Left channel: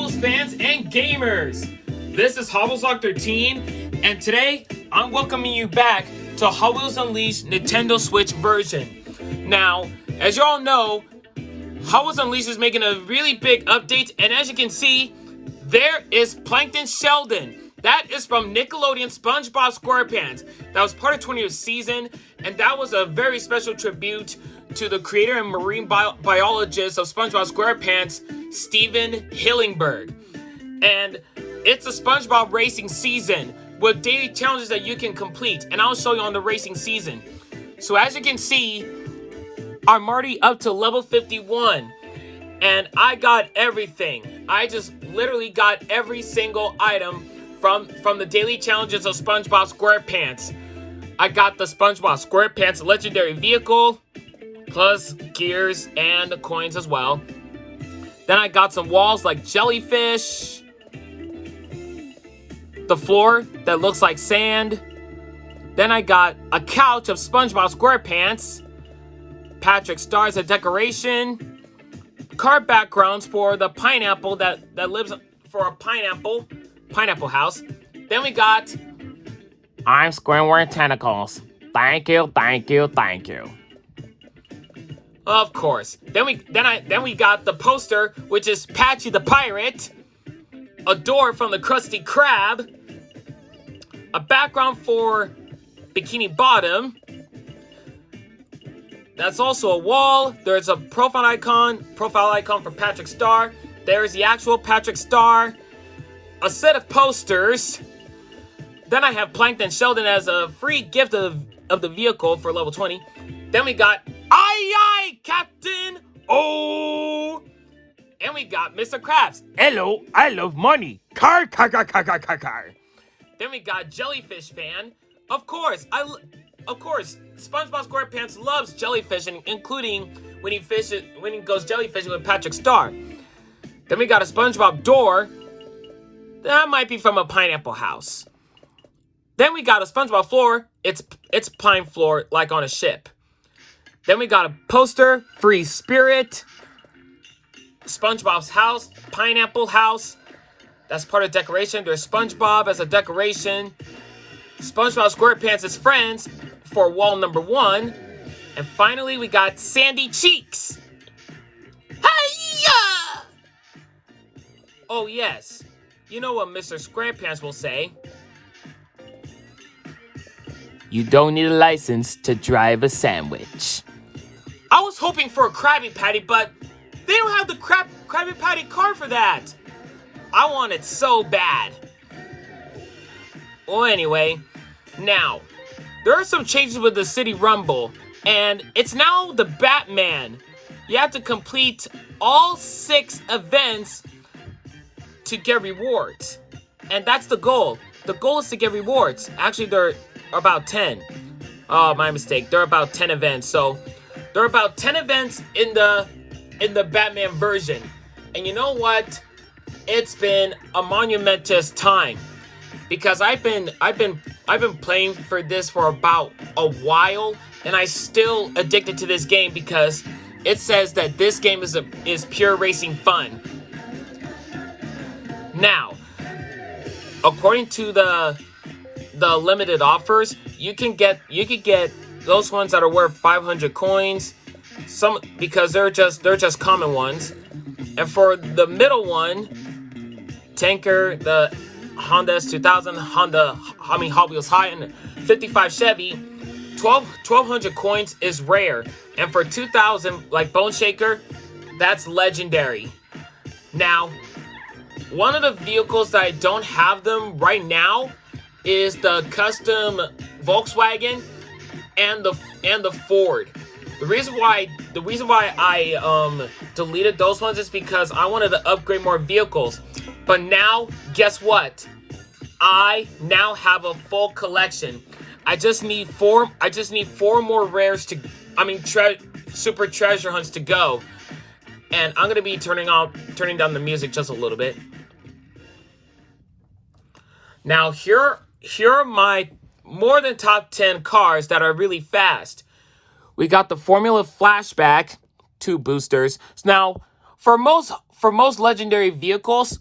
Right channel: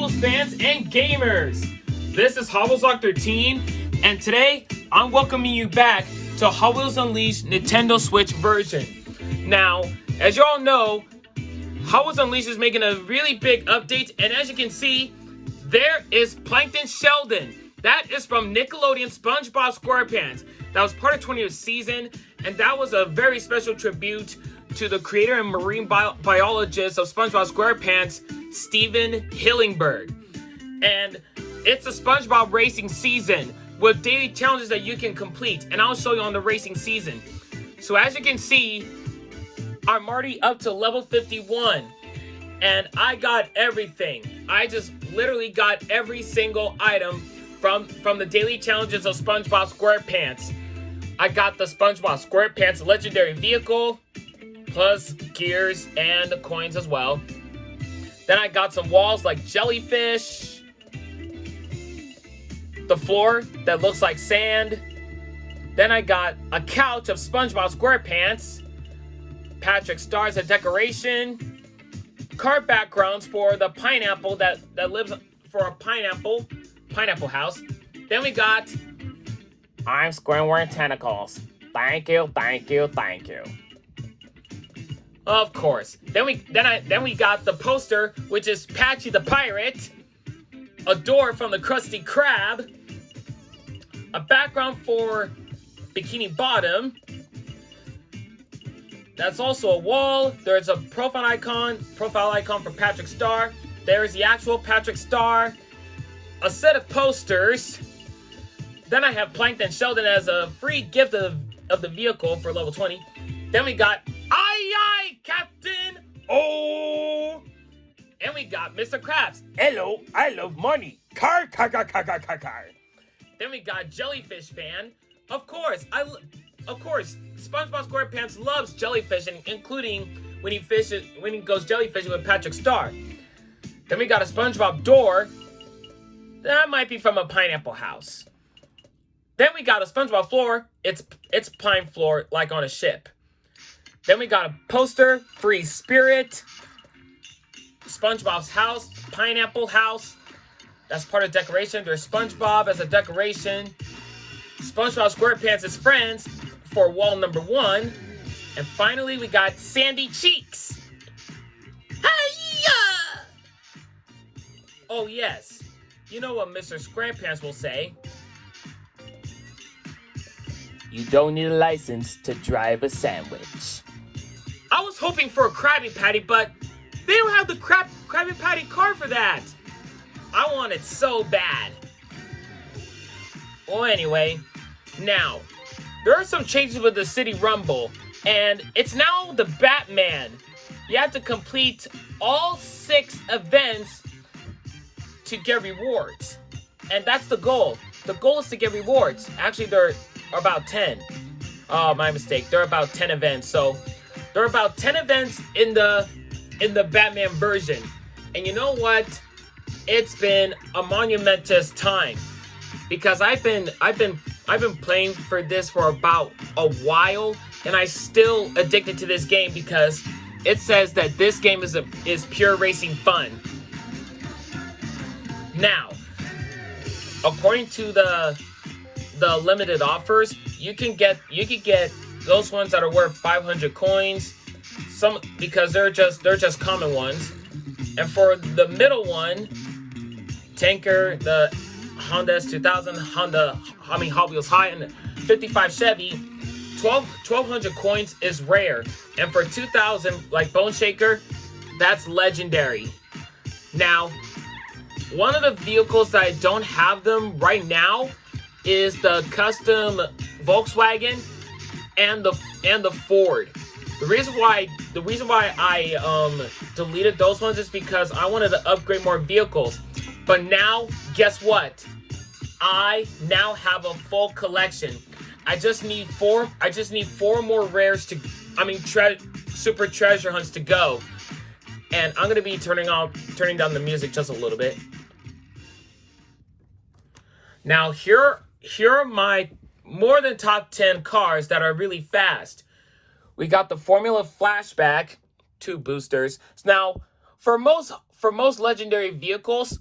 Hobbles fans and gamers! This is Hobbleslock 13, and today I'm welcoming you back to Hobbles Unleashed Nintendo Switch version. Now, as you all know, Hobbles Unleashed is making a really big update, and as you can see, there is Plankton Sheldon. That is from Nickelodeon SpongeBob SquarePants. That was part of 20th season, and that was a very special tribute to the creator and marine biologist of SpongeBob SquarePants, Steven Hillenburg. And it's a SpongeBob racing season with daily challenges that you can complete, and I'll show you on the racing season. So as you can see, I'm already up to level 51, and I got everything. I just literally got every single item from the daily challenges of SpongeBob SquarePants. I got the SpongeBob SquarePants legendary vehicle, plus gears and coins as well. Then I got some walls like jellyfish, the floor that looks like sand. Then I got a couch of SpongeBob SquarePants, Patrick Star as a decoration, card backgrounds for the pineapple that lives for a pineapple house. Then we got I'm Squidward Tentacles. Thank you, thank you, thank you. Of course. Then we got the poster, which is Patchy the Pirate, a door from the Krusty Krab, a background for Bikini Bottom. That's also a wall. There's a profile icon for Patrick Star. There's the actual Patrick Star. A set of posters. Then I have Plankton Sheldon as a free gift of the vehicle for level 20. Then we got Aye, Captain! Oh! And we got Mr. Krabs. Hello, I love money. Car. Then we got Jellyfish Fan. Of course, SpongeBob SquarePants loves jellyfish, including when he goes jellyfishing with Patrick Star. Then we got a SpongeBob door. That might be from a pineapple house. Then we got a SpongeBob floor. It's pine floor, like on a ship. Then we got a poster, Free Spirit, SpongeBob's house, Pineapple House. That's part of decoration. There's SpongeBob as a decoration. SpongeBob SquarePants' friends for wall number 1. And finally, we got Sandy Cheeks. Hiya! Oh, yes. You know what Mr. SquarePants will say. You don't need a license to drive a sandwich. I was hoping for a Krabby Patty, but they don't have the Krabby Patty car for that. I want it so bad. Well, anyway, now, there are some changes with the City Rumble, and it's now the Batman. You have to complete all 6 events to get rewards. And that's the goal. The goal is to get rewards. Actually, there are about 10. Oh, my mistake. There are about 10 events. So, there are about 10 events in the Batman version. And you know what? It's been a monumentous time, because I've been playing for this for about a while, and I still addicted to this game because it says that this game is pure racing fun. Now, according to the limited offers, you can get those ones that are worth 500 coins, because they're just common ones. And for the middle one, Tanker, the Honda S2000, Hot Wheels High, and 55 Chevy, 1200 coins is rare. And for 2000, like Bone Shaker, that's legendary. Now, one of the vehicles that I don't have them right now is the custom Volkswagen and the Ford. The reason why I deleted those ones is because I wanted to upgrade more vehicles. But now, guess what? I now have a full collection. I just need 4 more rares super treasure hunts to go. And I'm gonna be turning down the music just a little bit. Now here are my more than top 10 cars that are really fast. We got the Formula Flashback, 2 boosters. Now, for most legendary vehicles,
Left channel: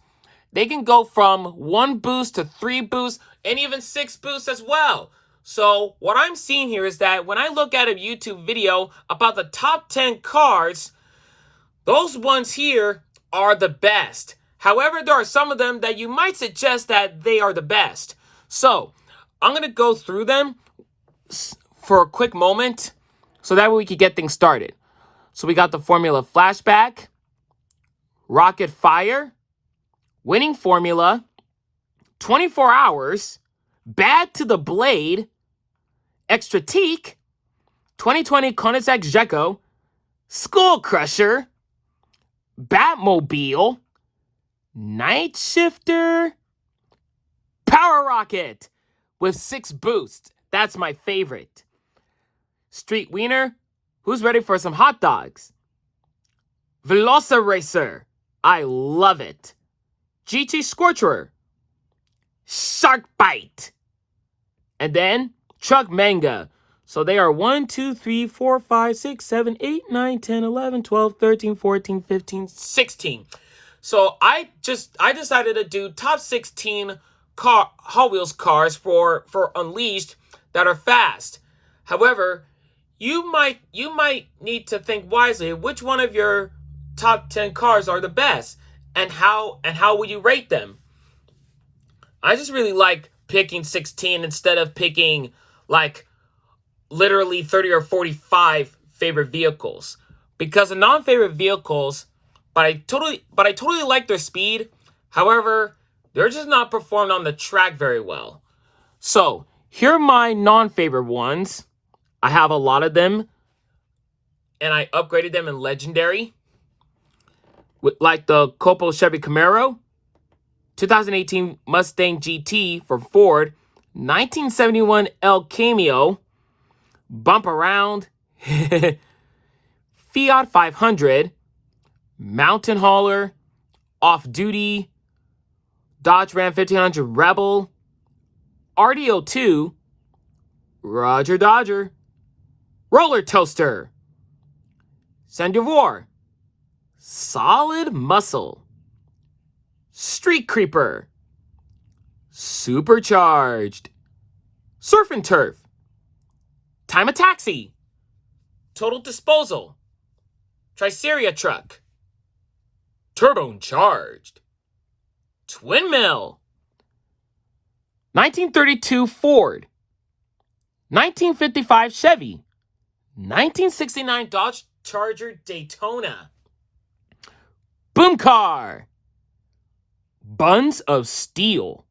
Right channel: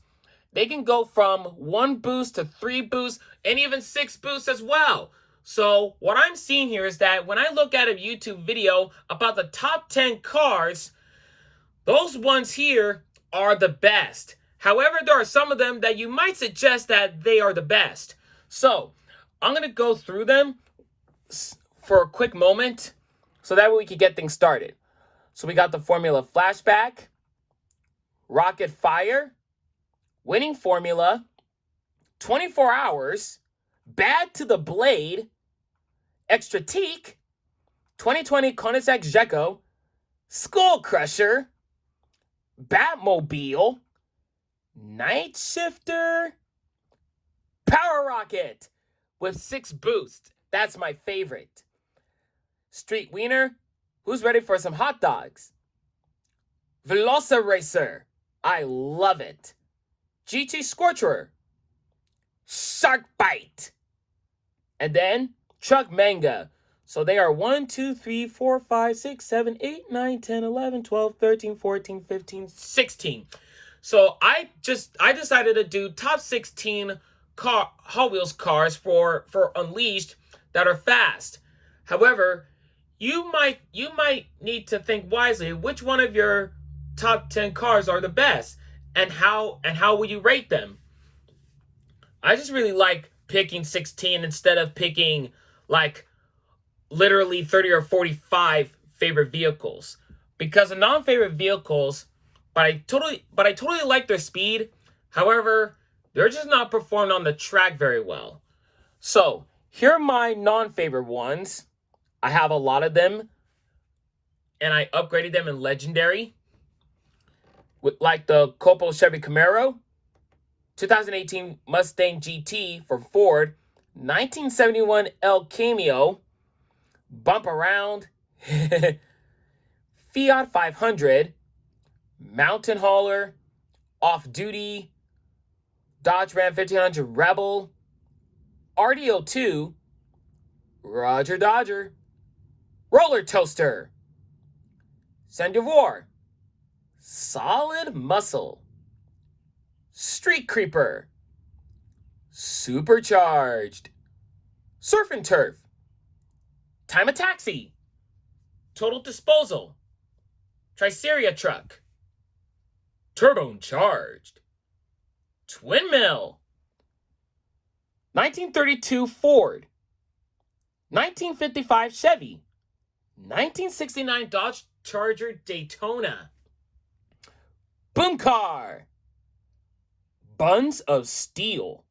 they can go from 1 boost to 3 boosts and even 6 boosts as well. So what I'm seeing here is that when I look at a YouTube video about the top 10 cars, those ones here are the best. However, there are some of them that you might suggest that they are the best. So I'm going to go through them for a quick moment so that way we can get things started. So we got the Formula Flashback, Rocket Fire, Winning Formula, 24 Hours, Bad to the Blade, Extra Teak, 2020 Koenigsegg Gecko, Skull Crusher, Batmobile, Night Shifter, Power Rocket with 6 boosts. That's my favorite. Street Wiener, who's ready for some hot dogs? Velociracer, I love it. GT Scorcher, Shark Bite, and then Truck Manga. So they are 1, 2, 3, 4, 5, 6, 7, 8, 9, 10, 11, 12, 13, 14, 15, 16. So I decided to do top 16 Hot Wheels cars for Unleashed that are fast. However, you might need to think wisely which one of your top 10 cars are the best and how would you rate them. I just really like picking 16 instead of picking like literally 30 or 45 favorite vehicles, because the non-favorite vehicles, but I totally like their speed. However, they're just not performed on the track very well. So here are my non-favorite ones. I have a lot of them, and I upgraded them in Legendary, with like the Copo Chevy Camaro, 2018 Mustang GT for Ford, 1971 El Cameo, Bump Around, Fiat 500, Mountain Hauler, Off Duty, Dodge Ram 1500 Rebel, RDO2, Roger Dodger, Roller Toaster, Sandivore, Solid Muscle, Street Creeper, Supercharged, Surf and Turf, Time of Taxi, Total Disposal, Triceria Truck, Turbocharged, Twin Mill, 1932 Ford, 1955 Chevy, 1969 Dodge Charger Daytona, Boom Car, Buns of Steel,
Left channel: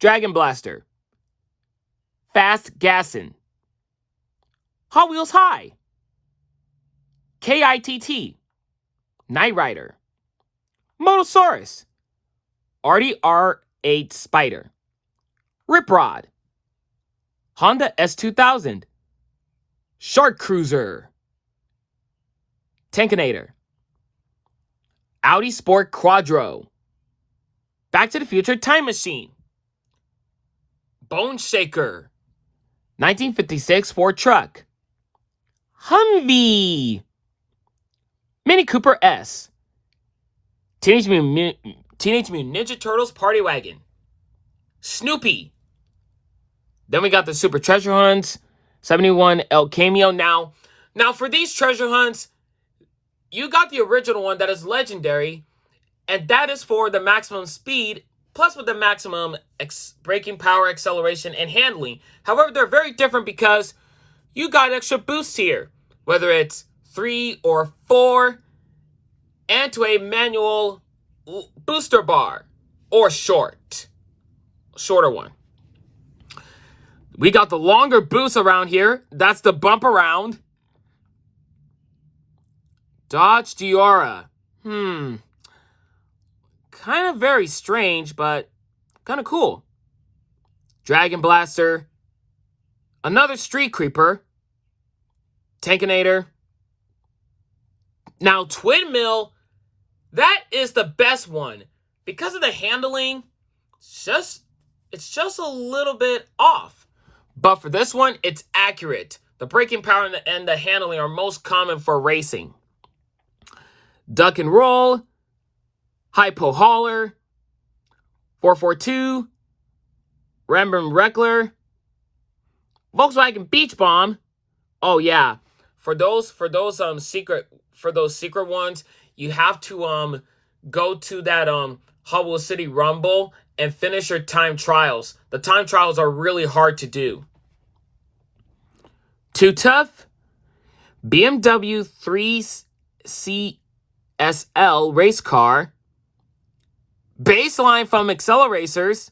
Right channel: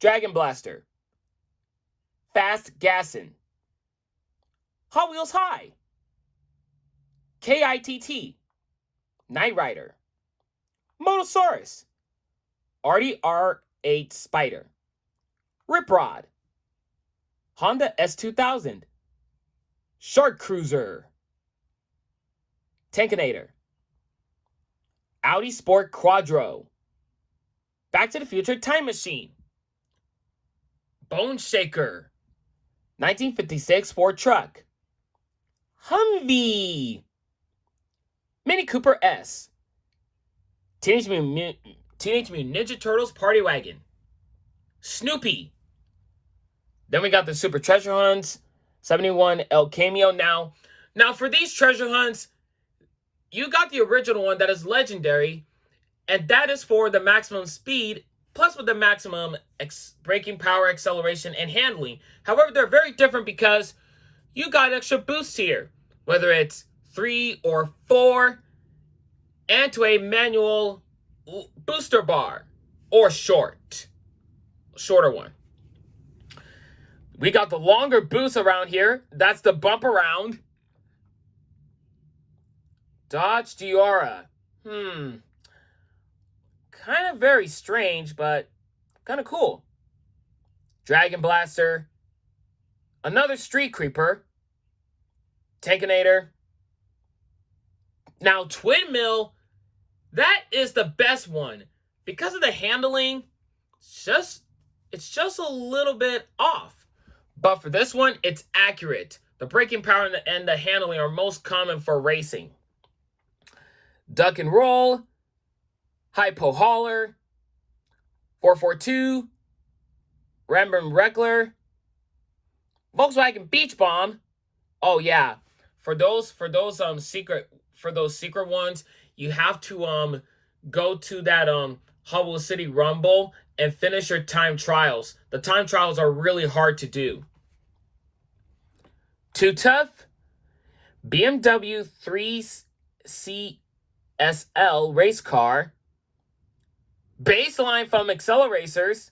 Dragon Blaster, Fast Gassin', Hot Wheels High, KITT, Knight Rider, Motosaurus, RDR8 Spider, Rip Rod, Honda S2000, Shark Cruiser, Tankinator, Audi Sport Quattro, Back to the Future Time Machine, Bone Shaker, 1956 Ford Truck, Humvee, Mini Cooper S, Teenage Mutant Ninja Turtles Party Wagon, Snoopy. Then we got the Super Treasure Hunts, 71 El Cameo. Now for these treasure hunts, you got the original one that is legendary, and that is for the maximum speed, plus with the maximum braking power, acceleration, and handling. However, they're very different because you got extra boosts here, whether it's 3 or 4, and to a manual booster bar, or shorter one. We got the longer boost around here. That's the Bump Around. Dodge Diora. Kind of very strange, but kind of cool. Dragon Blaster. Another Street Creeper. Tankinator. Now, Twin Mill, that is the best one. Because of the handling, it's just a little bit off. But for this one, it's accurate. The braking power and the handling are most common for racing. Duck and Roll, Hypo Hauler, 442, Rembrandt Reckler, Volkswagen Beach Bomb. Oh yeah, for those secret ones, you have to go to that Hot Wheels City Rumble and finish your time trials. The time trials are really hard to do. Too Tough, BMW 3CSL race car, Baseline from Acceleracers,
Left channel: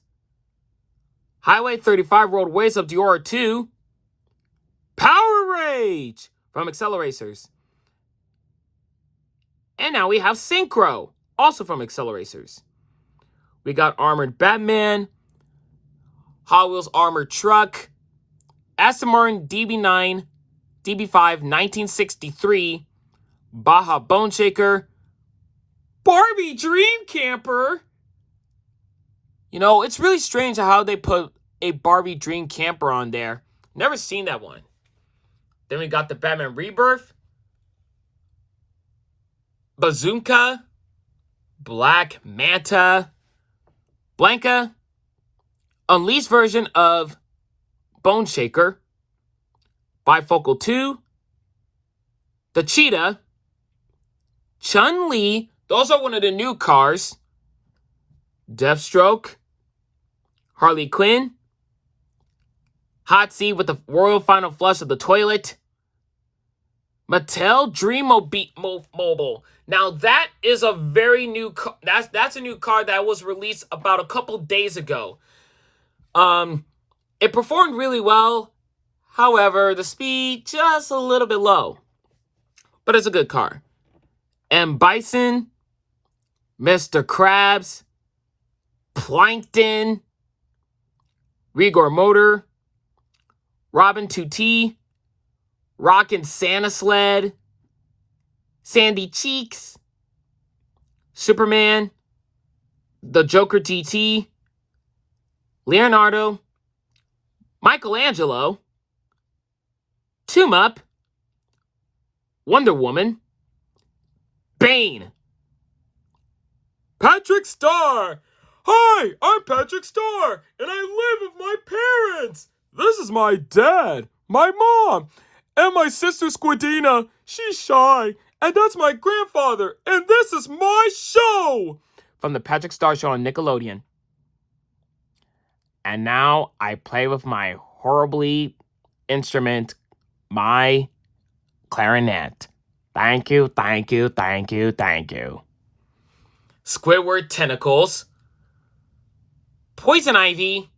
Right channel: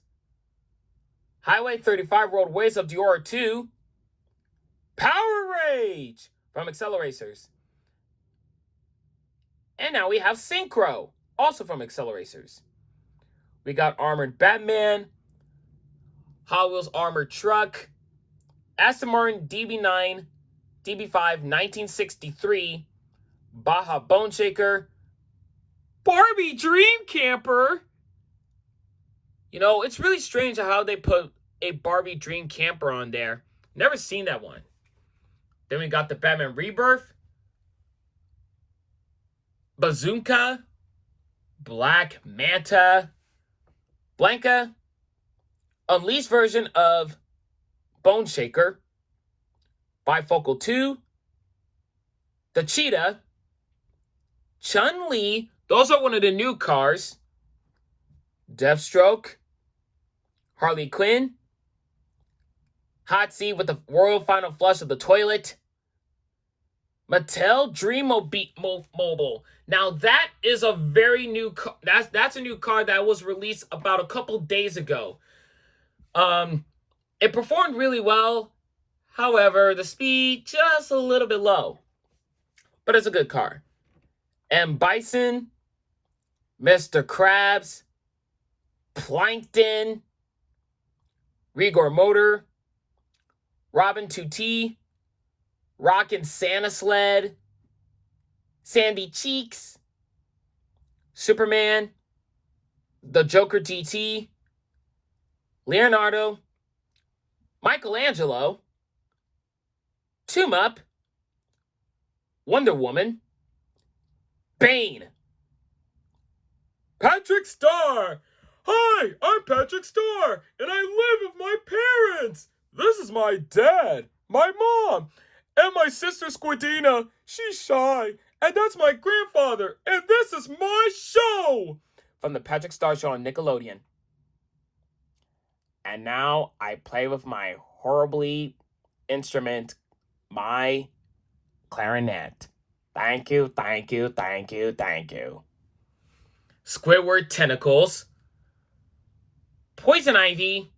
Highway 35 Roadways of Diora 2, Power Rage from Acceleracers. And now we have Synchro, also from Acceleracers. We got Armored Batman, Hot Wheels Armored Truck, Aston Martin DB9, DB5 1963, Baja Bone Shaker, Barbie Dream Camper. You know, it's really strange how they put a Barbie Dream Camper on there. Never seen that one. Then we got the Batman Rebirth, Bazooka, Black Manta, Blanca, Unleashed version of Bone Shaker, Bifocal 2, the Cheetah, Chun-Li, those are one of the new cars, Deathstroke, Harley Quinn, Hot Seat with the Royal Final Flush of the Toilet, Mattel Dream Mobile. Now that is a very new car. That's a new car that was released about a couple days ago. It performed really well. However, the speed just a little bit low. But it's a good car. And Bison, Mr. Krabs, Plankton, Rigor Motor, Robin 2T, Rockin' Santa Sled, Sandy Cheeks, Superman, the Joker GT, Leonardo, Michelangelo, Tomb Up, Wonder Woman, Bane, Patrick Star. Hi, I'm Patrick Star, and I live with my parents. This is my dad, my mom, and my sister Squidina. She's shy, and that's my grandfather, and this is my show. From the Patrick Star Show on Nickelodeon. And now I play with my horribly instrument, my clarinet. Thank you, thank you, thank you, thank you. Squidward Tentacles, Poison Ivy,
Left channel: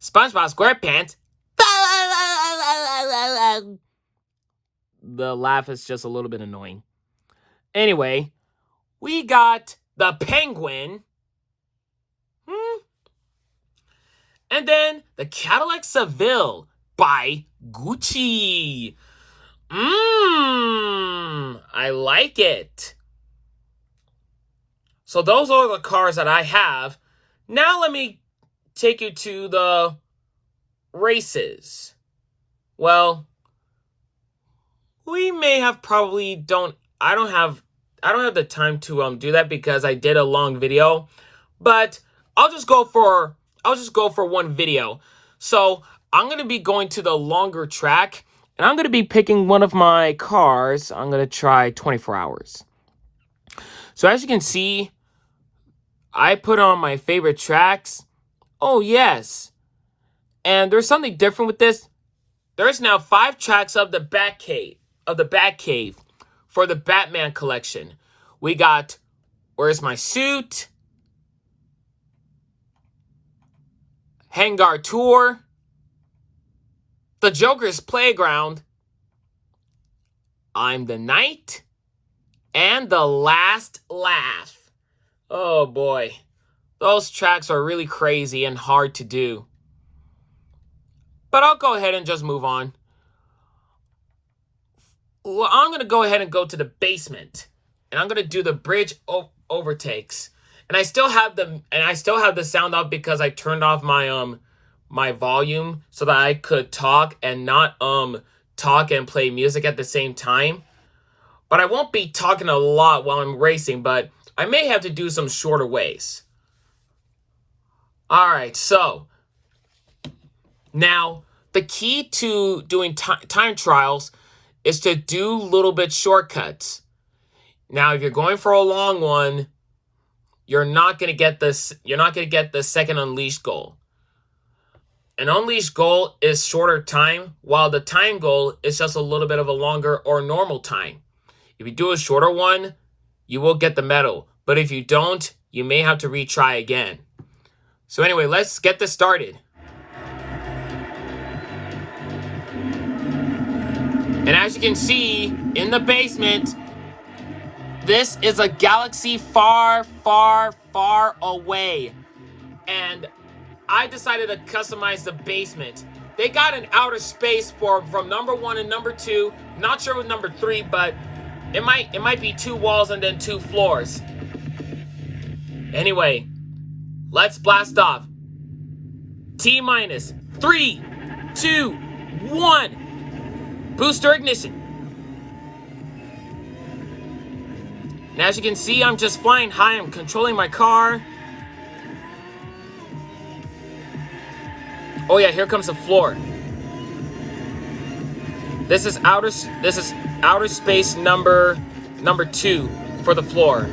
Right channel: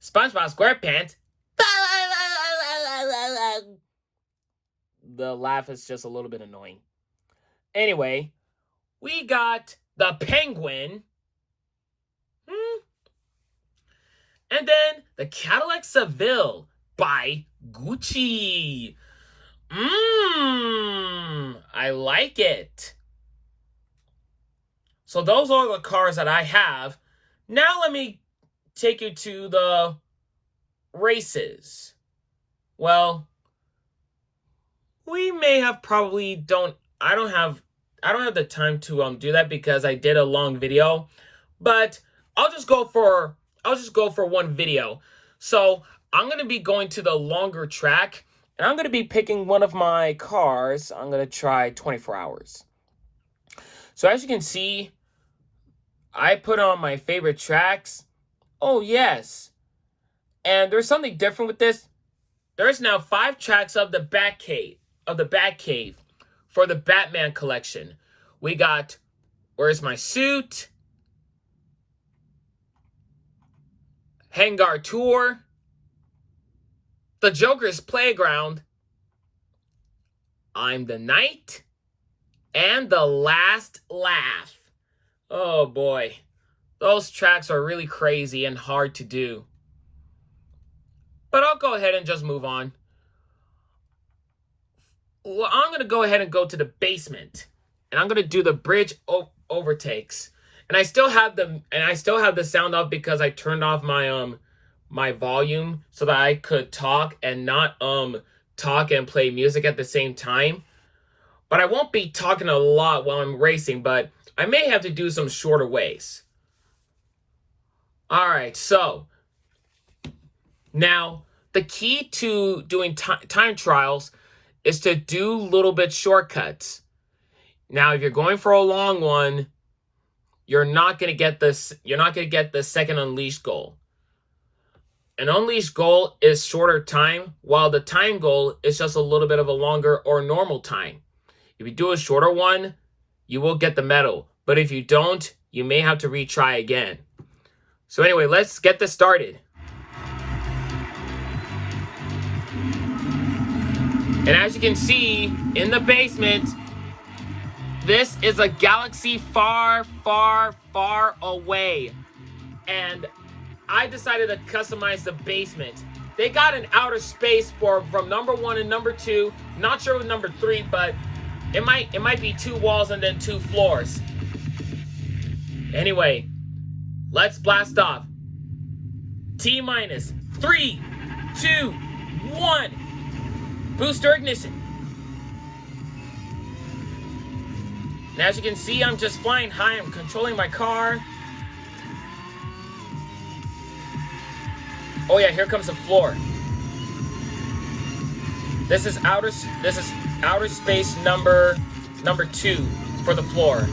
SpongeBob SquarePants. The laugh is just a little bit annoying. Anyway, we got the Penguin. And then the Cadillac Seville by Gucci. I like it. So those are the cars that I have. Now let me take you to the races. Well, we may have I don't have the time to do that because I did a long video, but I'll just go for one video. So I'm going to be going to the longer track, and I'm going to be picking one of my cars. I'm going to try 24 hours. So as you can see, I put on my favorite tracks. Oh, yes. And there's something different with this. There's now 5 tracks of the Batcave, for the Batman collection. We got Where's My Suit? Hangar Tour, The Joker's Playground, I'm the Knight, and The Last Laugh. Oh boy, those tracks are really crazy and hard to do. But I'll go ahead and just move on. Well, I'm going to go ahead and go to the basement, and I'm going to do the bridge overtakes. And I still have the sound off because I turned off my my volume so that I could talk and not talk and play music at the same time. but I won't be talking a lot while I'm racing, but I may have to do some shorter ways. All right, so now the key to doing time trials is to do little bit shortcuts. Now, if you're going for a long one, you're not going to get this. You're not going to get the second unleashed goal. An unleashed goal is shorter time, while the time goal is just a little bit of a longer or normal time. If you do a shorter one, you will get the medal. But if you don't, you may have to retry again. So anyway, let's get this started. And as you can see in the basement, this is a galaxy far, far, far away. And I decided to customize the basement. They got an outer space from number 1 and number 2. Not sure with number 3, but it might be 2 walls and then 2 floors. Anyway, let's blast off. T-minus 3, 2, 1. Booster ignition. And as you can see, I'm just flying high. I'm controlling my car. Oh yeah, here comes the floor. This is outer space number 2 for the floor.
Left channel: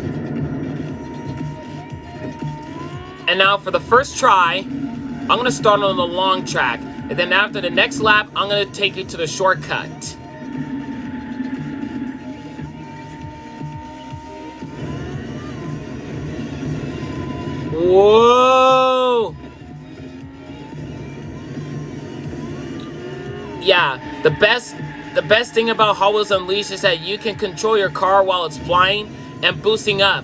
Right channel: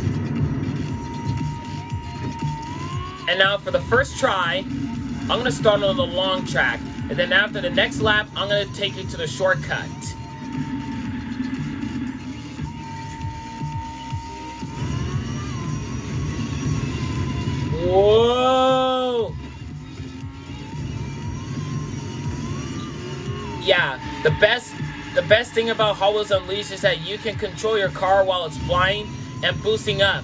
And now for the first try, I'm gonna start on the long track. And then after the next lap, I'm gonna take you to the shortcut. Whoa! Yeah, the best thing about Hot Wheels Unleashed is that you can control your car while it's flying and boosting up.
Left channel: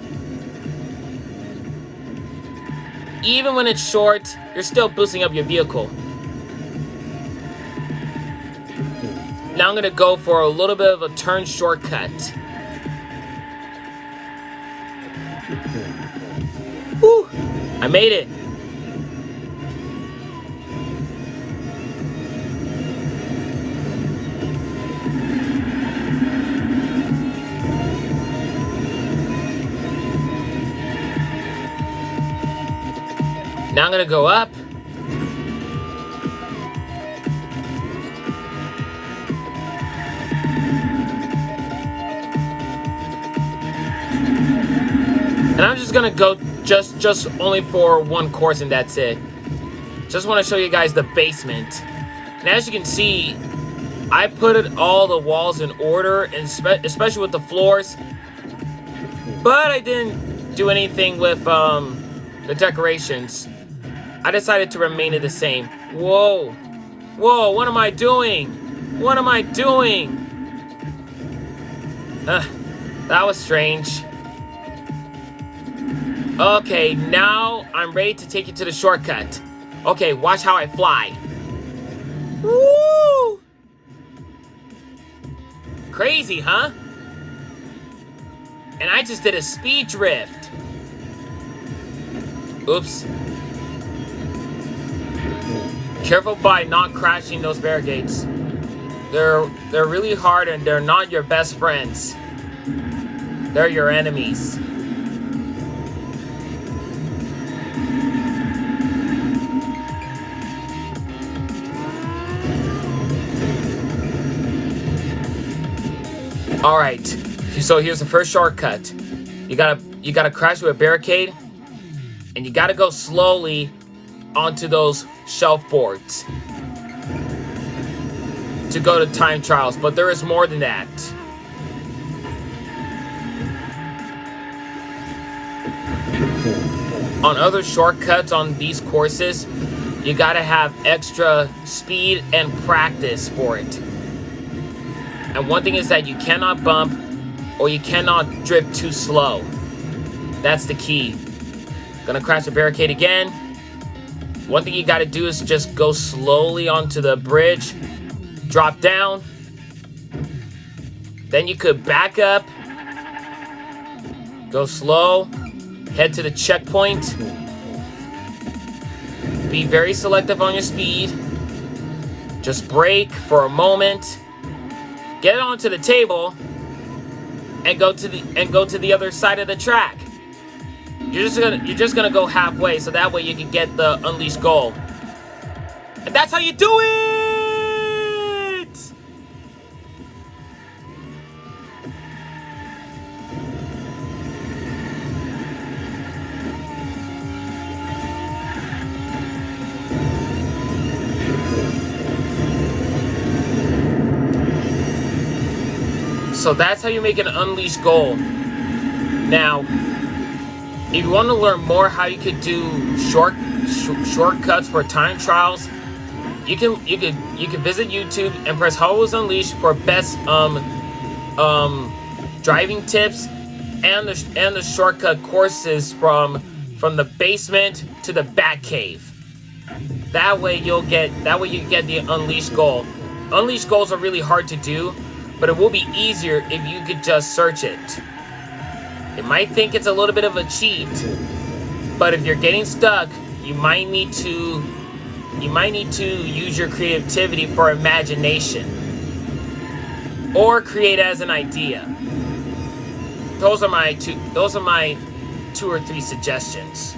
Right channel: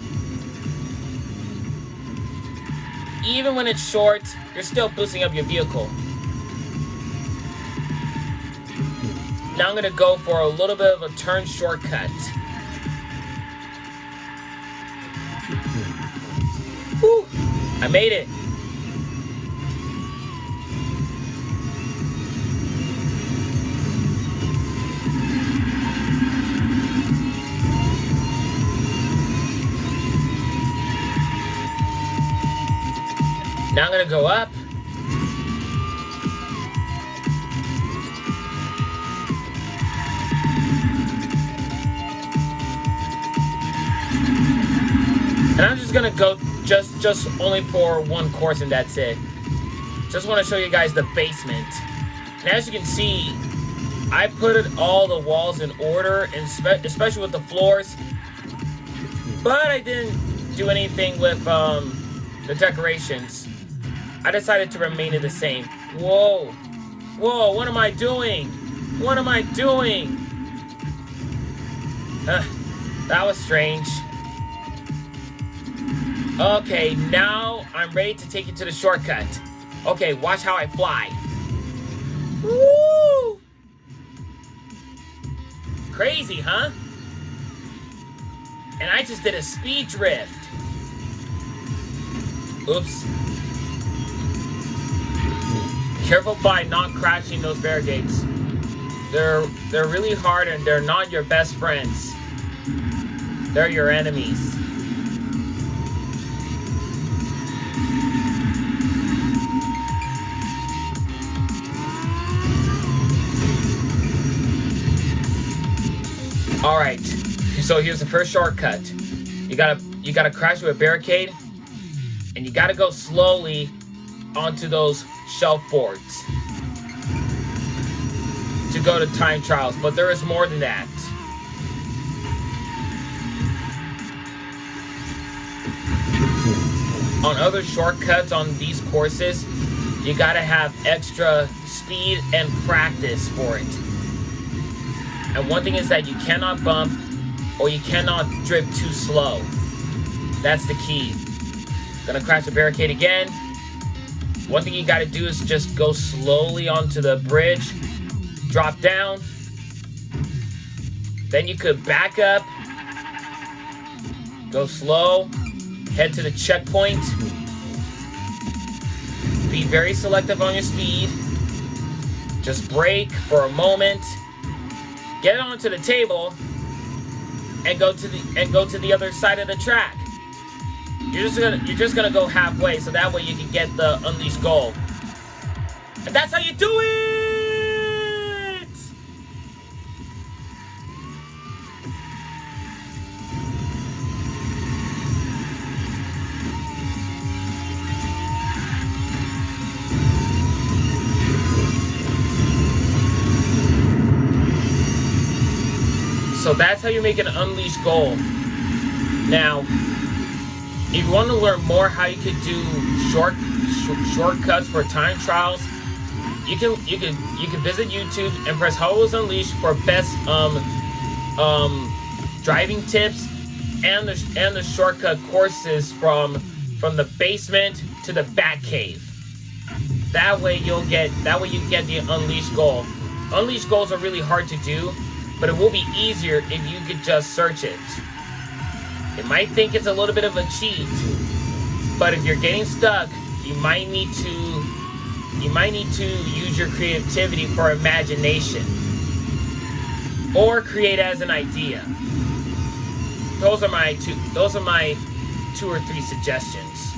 Even when it's short, you're still boosting up your vehicle. Now I'm gonna go for a little bit of a turn shortcut. Woo! I made it. Now I'm gonna go up. And I'm just gonna go just only for one course and that's it. Just want to show you guys the basement. And as you can see, I put all the walls in order, and especially with the floors. But I didn't do anything with the decorations. I decided to remain it the same. Whoa. Whoa, what am I doing? What am I doing? That was strange. Okay, now I'm ready to take you to the shortcut. Okay, watch how I fly. Woo! Crazy, huh? And I just did a speed drift. Oops. Careful by not crashing those barricades. They're really hard and they're not your best friends. They're your enemies. All right, so here's the first shortcut. You gotta crash through a barricade, and you gotta go slowly onto those shelf boards to go to time trials, but there is more than that. On other shortcuts on these courses, you gotta have extra speed and practice for it. And one thing is that you cannot bump or you cannot drift too slow. That's the key. Gonna crash the barricade again. One thing you gotta do is just go slowly onto the bridge, drop down. Then you could back up, go slow, head to the checkpoint. Be very selective on your speed. Just brake for a moment. Get it onto the table. and go to the other side of the track. You're just gonna go halfway, so that way you can get the unleashed gold. And that's how you do it! So that's how you make an unleashed goal. Now, if you want to learn more how you could do shortcuts for time trials, you can visit YouTube and press Hot Wheels Unleashed for best driving tips and the shortcut courses from the basement to the Batcave. That way you get the unleashed goal. Unleashed goals are really hard to do, but it will be easier if you could just search it. You might think it's a little bit of a cheat, but if you're getting stuck, you might need to use your creativity for imagination or create as an idea. Those are my two or three suggestions.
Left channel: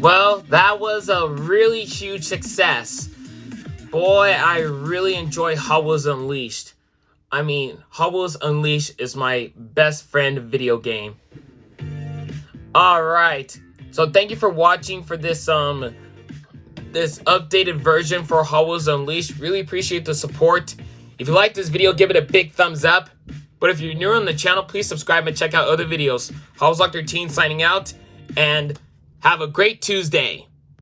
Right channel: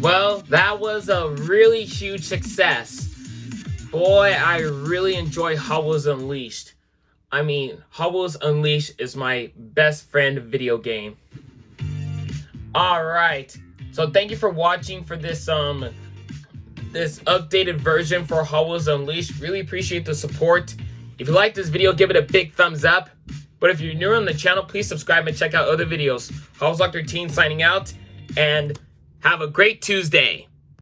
Well, that was a really huge success. Boy, I really enjoy Hot Wheels Unleashed. I mean, Hot Wheels Unleashed is my best friend video game. Alright, so thank you for watching for this this updated version for Hot Wheels Unleashed. Really appreciate the support. If you like this video, give it a big thumbs up. But if you're new on the channel, please subscribe and check out other videos. Hot Wheels Doctor Teen signing out, and have a great Tuesday.